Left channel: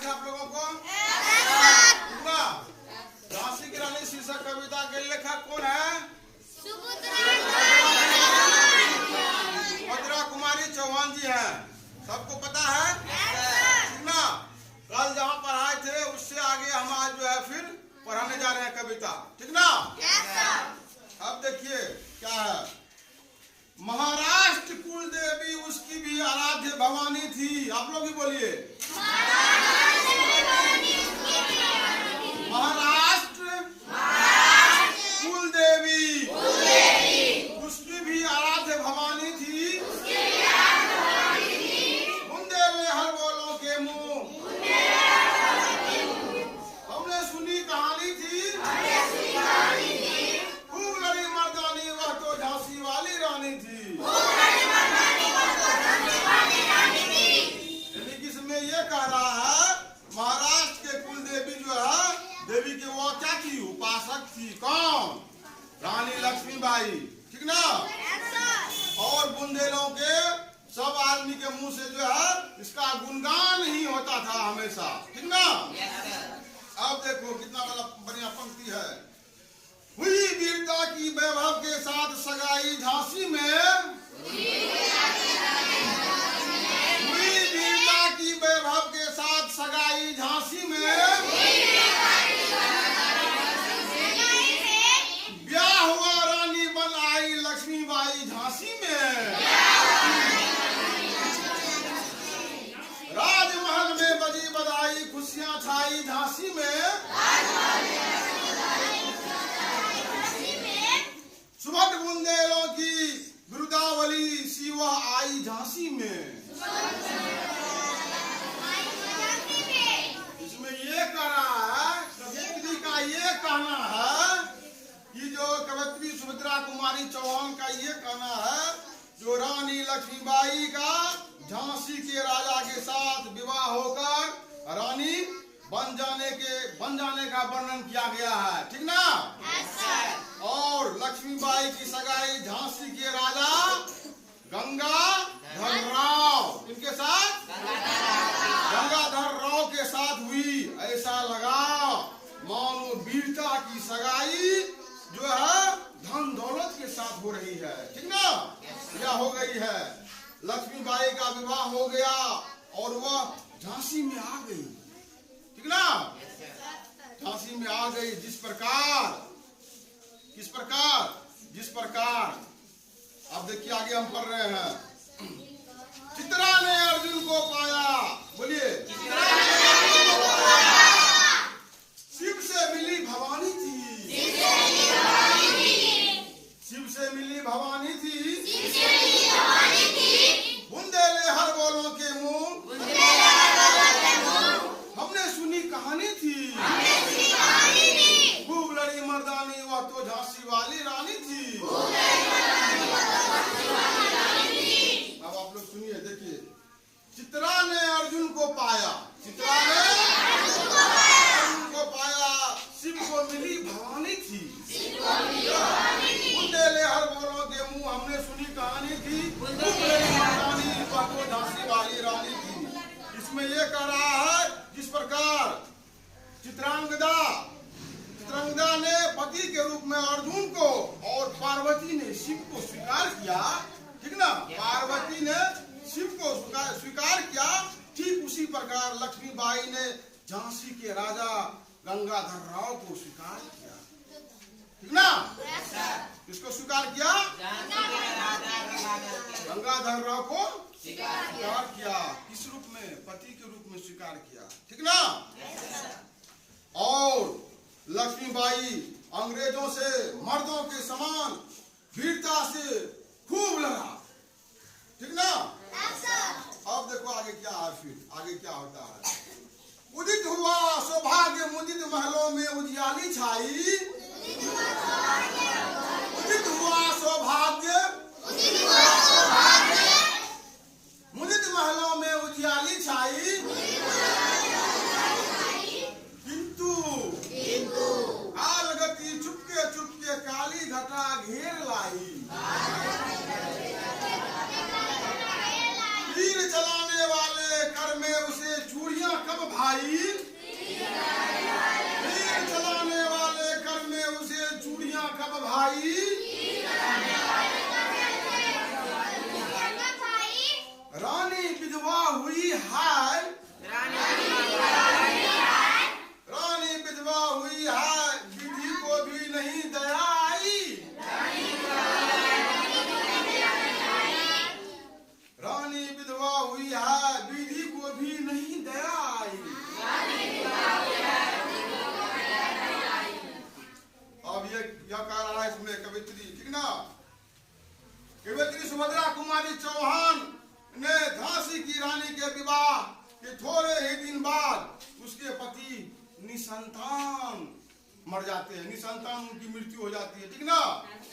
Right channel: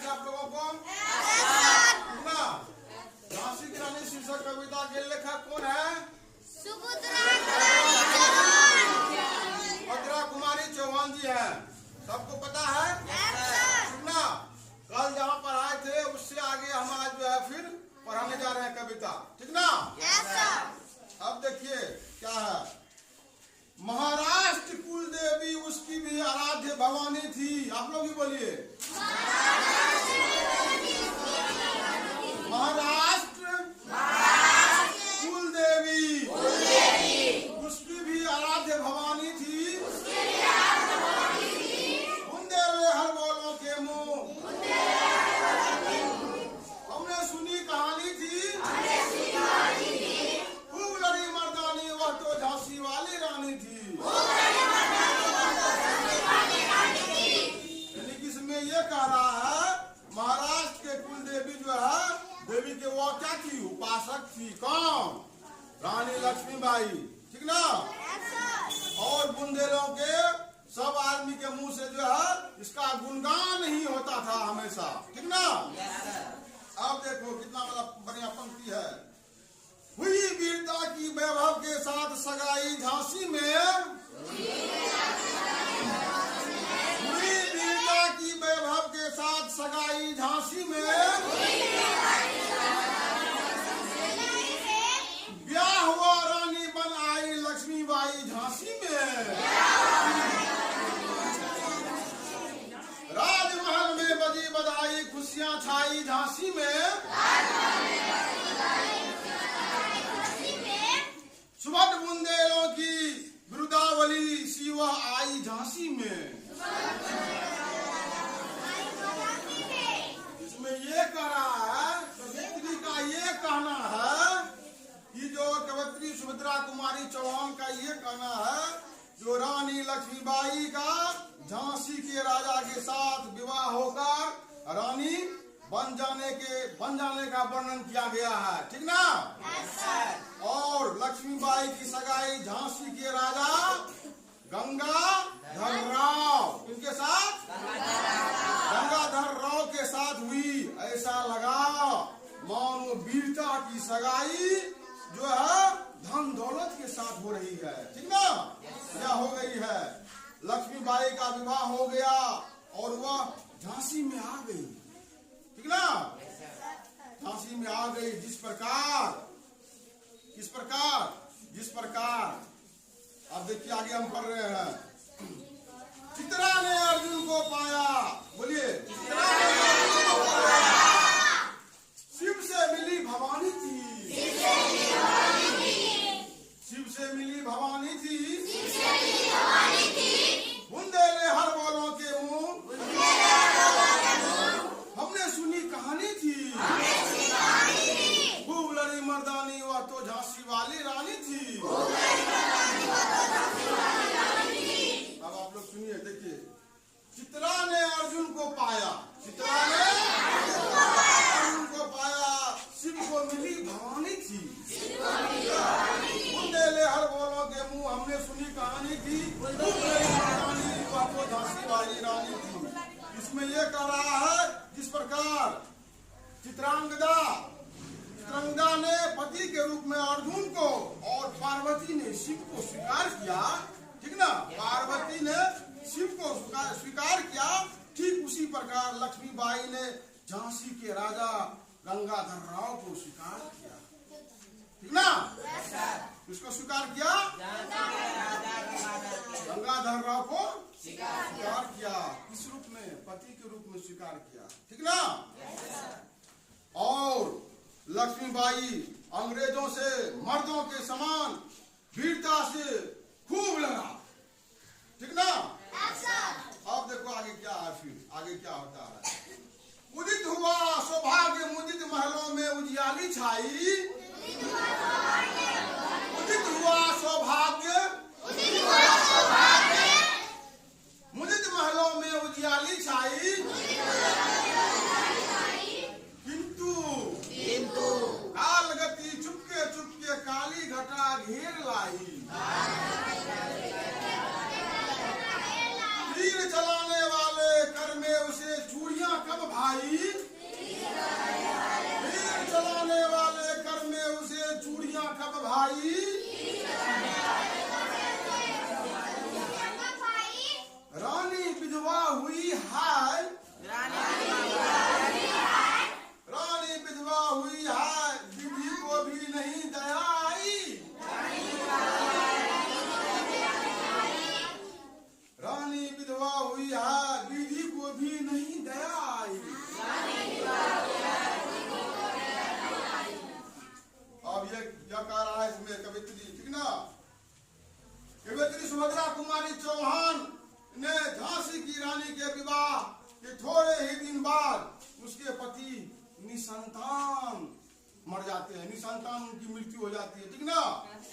याद है आप लोगों को? झांसी की रानी शीर्षक कविता के लेखक कौन है? सुभद्रा कुमारी चौहान जी हैं। सबको पता है ना? कल जहाँ पढ़ाए थे उससे आगे हम आज जो है फिर पढ़ाने जा रहे हैं कविता, ठीक ना? अब देखिए क्या है। महाराष्ट्र कुल देवी उसकी भी आराध्य भवानी थी। आप लोग भी बोलिए। महाराष्ट्र कुल देवी उसकी भी आराध्य भवानी थी। बुंदेले हर बोलों के मुंह हमने सुनी कहानी थी। खूब लड़ी मर्दानी वह तो झांसी वाली रानी थी। यानी कि इसमें ये कह रहा है महाराष्ट्र के कुल देवी जो है देवी के वो क्या थी? उपासक थी। कौन? रानी लक्ष्मीबाई, ठीक ना? और बुंदेलों के सब आदमी के मुंह से जो है इसका गुणगान ही होता था हमेशा, ठीक ना? अब देखो कितना बड़ा बढ़िया पंक्ति है। हुई वीरता की वैभव के साथ सगाई झांसी में। हुई वीरता की वैभव के साथ सगाई झांसी में। ब्याह हुआ रानी बन आई लक्ष्मीबाई झांसी में। राजमहल में बजी बधाई खुशियां छाई झांसी में। सुभद्र बुंदेलों की बिरुदावली सी वह आई झांसी में। इसमें ये कह रहा है, कवियत्री का ये कहना है कि जो कवियत्री सुभद्रा कुमारी चौहान का ये कहना है जो रानी लक्ष्मीबाई का झांसी के राजा के साथ विवाह होकर रानी बन जाने का वर्णन किया गया है, ठीक ना? और लक्ष्मीबाई की सगाई झांसी के राजा गंगाधर राव इनके साथ गंगाधर राव के साथ हुई। ऐसा लगा मानो वीरता की सगाई जो है धन दौलत के साथ हो रही है, ठीक ना? क्या हो गई है? लक्ष्मीबाई का विवाह हो गया और वह झांसी में आ गई, ठीक ना? झांसी में आ गई। जिस प्रकार अब देखिए आगे हम पढ़ रहे हैं। चित्रा ने अर्जुन को पाया। बोलिए। चित्रा ने अर्जुन को पाया। शिव से मिली भवानी थी। शिव से मिली भवानी थी। बुंदेले हर बोलों के मुंह हमने सुनी कहानी थी। खूब लड़ी मर्दानी वह तो झांसी वाली रानी थी। अब आप लोग सुनिए, देखिए। चित्रा ने अर्जुन को पाया। चित्रा ने अर्जुन को पाया। शिव को मिली भवानी थी। बुंदेले हर बोलों के मुंह हमने सुनी कहानी थी। खूब लड़ी मर्दानी वह तो झांसी वाली रानी थी। इसमें ये कह रहा है जिस प्रकार चित्रांगदा ने पति के रूप में अर्जुन को और पार्वती ने शिव को स्वीकार किया, ठीक ना? पार्वती ने शिव को स्वीकार किया। ठीक उसी प्रकार लक्ष्मीबाई ने झांसी के राजा गंगाधर राव को स्वीकार किया, ठीक ना? किसको स्वीकार किया? गंगाधर राव को स्वीकार किया। किस रूप में? पति के रूप में स्वीकार किया, ठीक ना? और लक्ष्मीबाई अंग्रेजों से मर्दों के समान वीरता से खूब लड़ा, ठीक ना? अब देखो आगे क्या है। फिर आगे क्या होता है? उदित हुआ सौभाग्य मुदित महलों में उजियाली छाई। उदित हुआ सौभाग्य मुदित महलों में उजियाली छाई। किंतु काल गति चुपके चुपके काली घटा घेर लाई। तीर चलाने वाले कर में उसे चूड़ियां कब भाई। कवित्री, ठीक ना। कवित्री सुभद्रा कुमारी चौहान ने झांसी की रानी के विवाह के थोड़े ही दिन बाद उसके पति निसंतान मर जाते हैं, निसंतान उनकी मृत्यु हो जाती है, ठीक ना।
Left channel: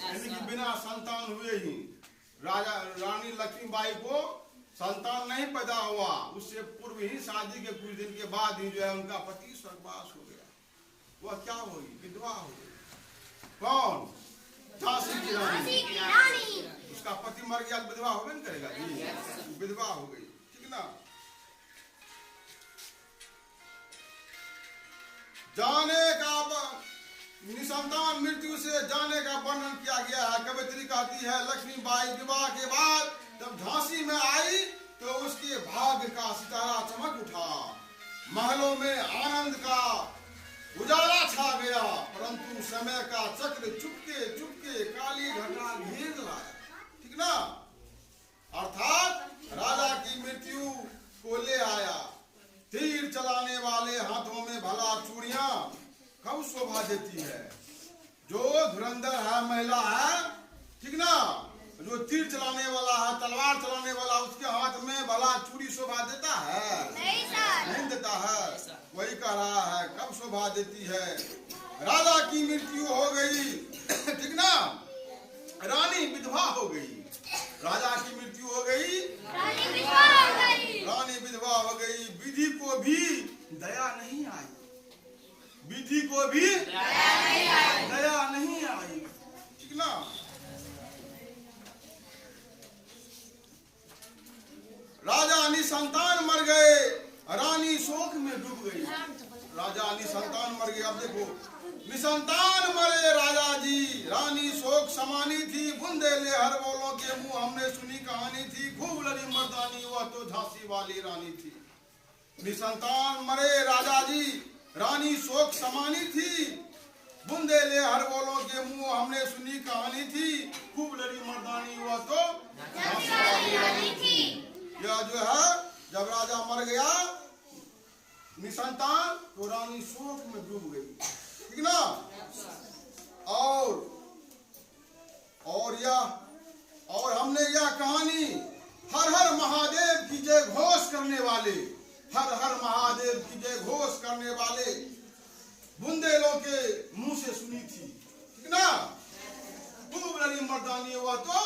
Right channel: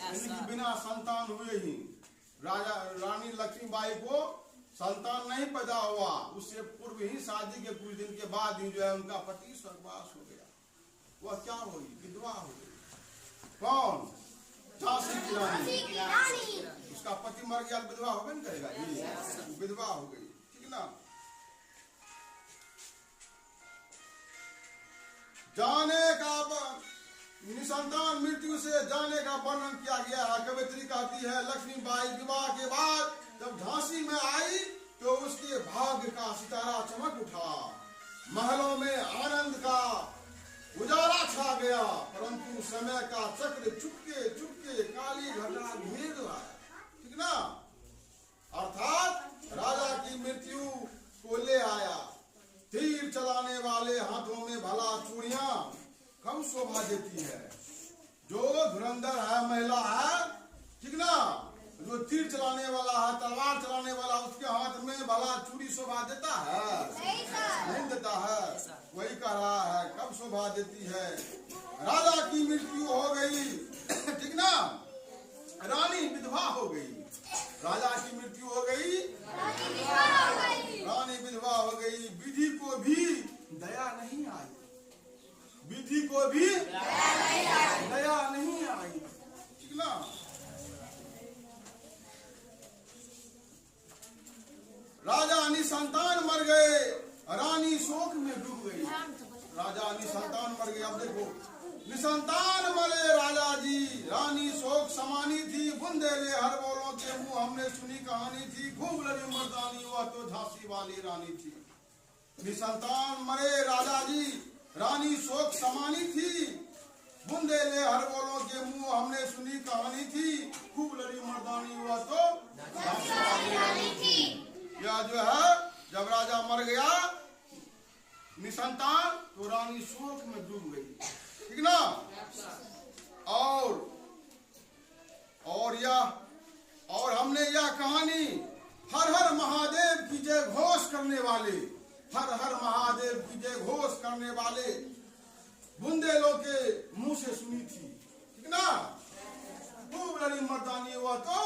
यानी कि बिना संतान हुए ही रानी लक्ष्मीबाई को संतान नहीं पैदा हुआ, उससे पूर्व ही शादी के कुछ दिन के बाद ही जो है उनका पति स्वर्गवास हो गया। वह क्या हुई? विधवा हो गई। कौन? झांसी की रानी। उसका पति मर गया, विधवा हो गई करेगा जी, विधवा हो गई, ठीक ना। जाने का निसंतान मृत्यु से जाने का वर्णन किया गया है। कवित्री कहती है लक्ष्मीबाई विवाह के बाद जब झांसी में आई तो उसके भाग्य का सितारा चमक उठा, महलों में आनंद का उजाला छा गया, परंतु समय का चक्र चुपके चुपके काली घटा घेर लाया, ठीक ना। अर्थात राजा की मृत्यु को ले आया। तीर चलाने वाले हाथों में भला चूड़ियां कब शोभा देती है। जो धुरंधर है, महिला है, ठीक ना, जो तीर चलाने वाला है, तलवार चलाने वाला, उसके हाथ में भला चूड़ी शोभा देता है? नहीं देता है। वही कह रहा है कब शोभा देती है। राजा की मृत्यु हो गई, ठीक ना, रानी विधवा हो गई। राजा की मृत्यु हो गई, रानी विधवा हो गई। विधि को भी दया नहीं आई, विधि को भी दया नहीं आई, ठीक ना। राजा निसंतान मर गए, रानी शोक में डूब गई। राजा निसंतान मर गए। अब देखो, निसंतान मरे राजा जी, रानी शोक समानी थी, बुंदेले हर बोलों के मुंह हमने सुनी कहानी थी, खूब लड़ी मर्दानी वह तो झांसी वाली रानी थी। निसंतान मरे राजा जी, रानी शोक समानी थी, बुंदेले हर बोलों के मुंह हमने सुनी कहानी थी, खूब लड़ी मर्दानी वह तो झांसी वाली रानी थी। यह जो है जब राजा मर गया निसंतान तो रानी शोक में डूब गई, ठीक ना। और हमने यह कहानी हर हर महादेव की जय घोष करने वाले, हर हर महादेव की जय घोष करने वाले बुंदेलों के मुंह से सुनी थी, ठीक ना। खूब लड़ी मर्दानी हुआ तो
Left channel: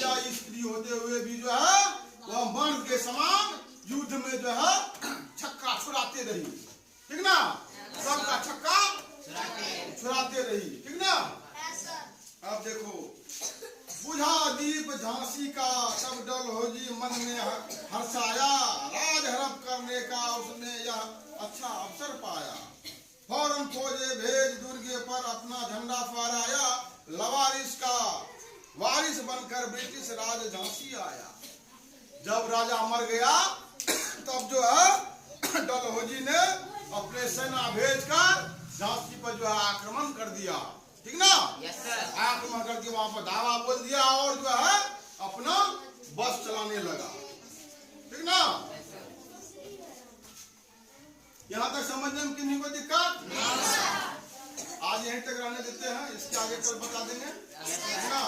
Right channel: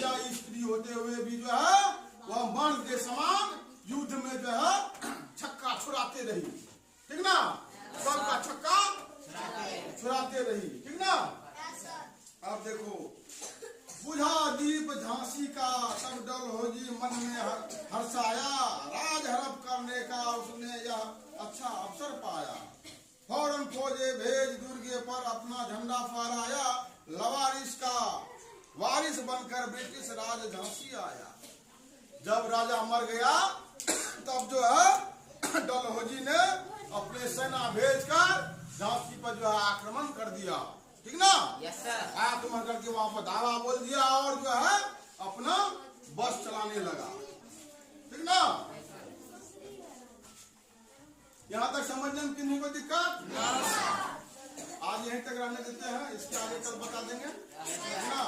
या स्त्री होते हुए भी जो है वह मर्द के समान युद्ध में जो है छक्का छुड़ाते रही, ठीक ना। सबका छक्का छुड़ाते रही, ठीक ना। अब देखो, बुझा दीप झांसी का तब डलहौजी मन में हर्षाया, राज हड़प करने का उसने यह अच्छा अवसर पाया। फौरन फौजे भेज दुर्गे पर अपना झंडा फहराया, लवारिस का वारिस बनकर ब्रिटिश राज झांसी आया। जब राजा मर गया तब जो है डलहौजी ने अपने सेना भेजकर झांसी पर जो है आक्रमण कर दिया, ठीक ना। आक्रमण करके वहां पर धावा बोल दिया और जो है अपना बस चलाने लगा, ठीक ना। यहाँ तक समझने में किन्हीं को दिक्कत? आज यहीं तक रहने देते हैं, इसके आगे कल बता देंगे, ठीक ना।